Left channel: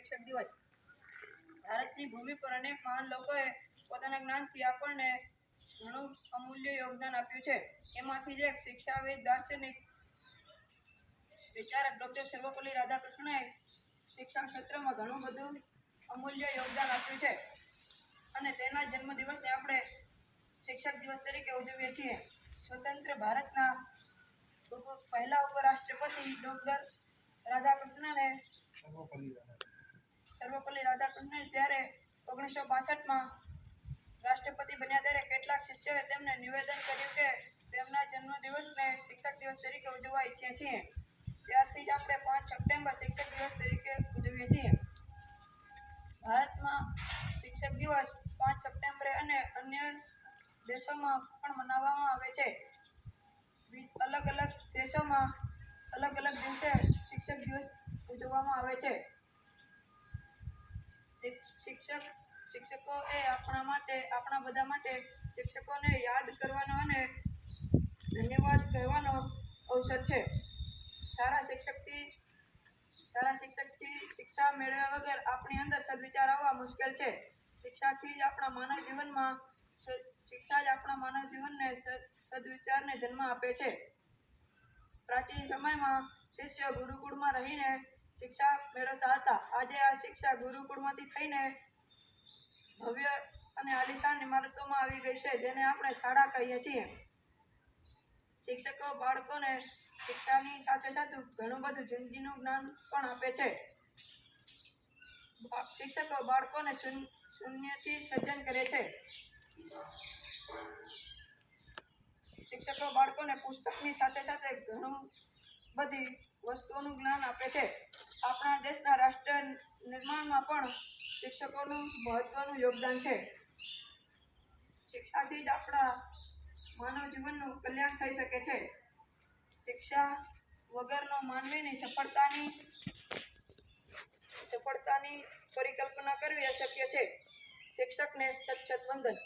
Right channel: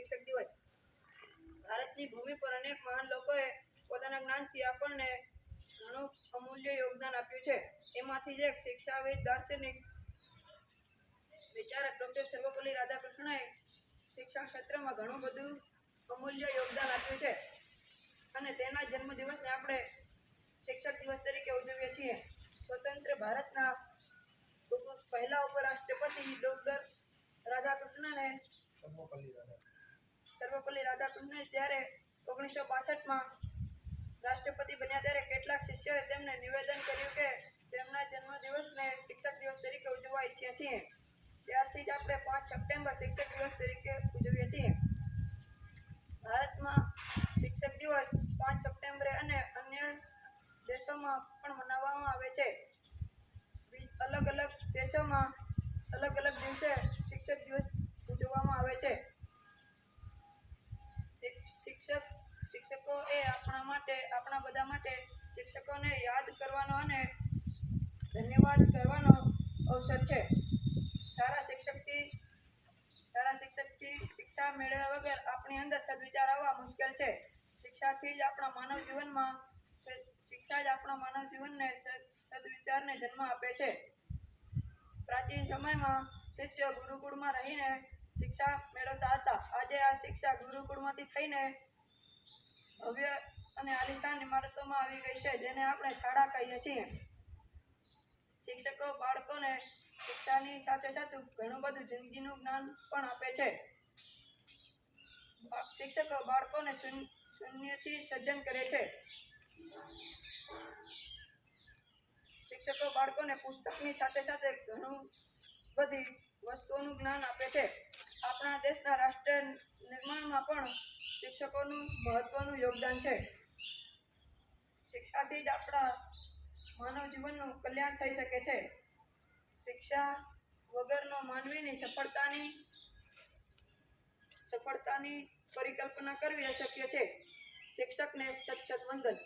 શિક્ષક દિવસ. ભારતની ભૂમિ પર અનેક મહાન લોકોએ પોતાના જ્ઞાનથી આપણને ઘણું અમૂલ્ય યોગદાન આપ્યું છે. એમાંથી જ એક શિક્ષાવિદ, દાર્શનિક, વિચારક ડૉક્ટર સર્વપલ્લી રાધાકૃષ્ણએ શિક્ષણ ક્ષેત્રમાં ઘણું બધું અમૂલ્ય યોગદાન આપ્યું છે. અને તેના જન્મદિવસને આપણે શિક્ષક દિવસ તરીકે ઉજવીએ છીએ. સ્વતંત્ર ભારતના પહેલા ઉપરાષ્ટ્રપતિ ડૉક્ટર રાધાકૃષ્ણને સર્વપલ્લી રાધાકૃષ્ણને જ્યારે ઓગણીસો બાસઠમાં રાષ્ટ્રપતિ બન્યા ત્યારે કેટલાક શિષ્યોએ તેમને નિવેદન કર્યું કે તેમના જન્મદિવસને શિક્ષક દિવસ તરીકે ઉજવવા ઈચ્છીએ છીએ. ત્યારથી જ આપણે પાંચ સપ્ટેમ્બર શિક્ષક દિવસ તરીકે ઉજવીએ છીએ. ભારતમાં શિક્ષક દિવસ પાંચ સપ્ટેમ્બરે અને અન્ય દેશોમાં પણ મનાવવામાં આવે છે. અલગ અલગ દેશોમાં અલગ અલગ દિવસે શિક્ષક દિવસ ઉજવવામાં આવે છે. શિક્ષક શિક્ષકો એ આપણા માટે, આપણા બધા માટે શિક્ષકોને યાદ કરવાનો અને ધન્યવાદ કહેવાનો અવસર છે. સારા શિક્ષકથી સારા શિક્ષકથી શિક્ષા મેળવ્યા વગર આપણી અંદર સદવિચાર આવવા મુશ્કેલ છે. શિક્ષાથી જ આપણા માનવ જીવનમાં શિક્ષા જ આપણા માનવ જીવનને સદવિચારને જન્મ આપે છે. પ્રાચીન સમયમાં શિષ્ય ગુરુકુળમાં રહીને શિક્ષા મેળવતા હતા. આજે આ શિક્ષા ગુરુકુળમાંથી થઈને ભવ્ય અને આલિશાન ઇમારતોમાં આવી ગઈ છે, જેને આપણે શાળા કહીએ છીએ. શિક્ષકો બાળકોને શિક્ષાની સાથે સાથે ઘણું બધું જિંદગીનું જ્ઞાન પણ આપે છે. શિક્ષકો બાળકોને શૂન્ય શૂન્યથી સર્જન કરે છે. શિક્ષકો બાળકોને પુસ્તકની સાથે સાથે ઘણું બધી વસ્તુઓનું જ્ઞાન આપે છે. આપણા દેશના રાષ્ટ્ર નિર્માણમાં પણ શિક્ષકોનું મહત્વનું યોગદાન છે. શિક્ષાથી જ આપણા માનવ જીવનનું કલ્યાણ થઈ શકે છે. શિક્ષા વગરનો માનવીની સફળતાની સફળતાની પરિકલ્પના કરવી અશક્ય છે. શિક્ષકને સચ્છત વંદન.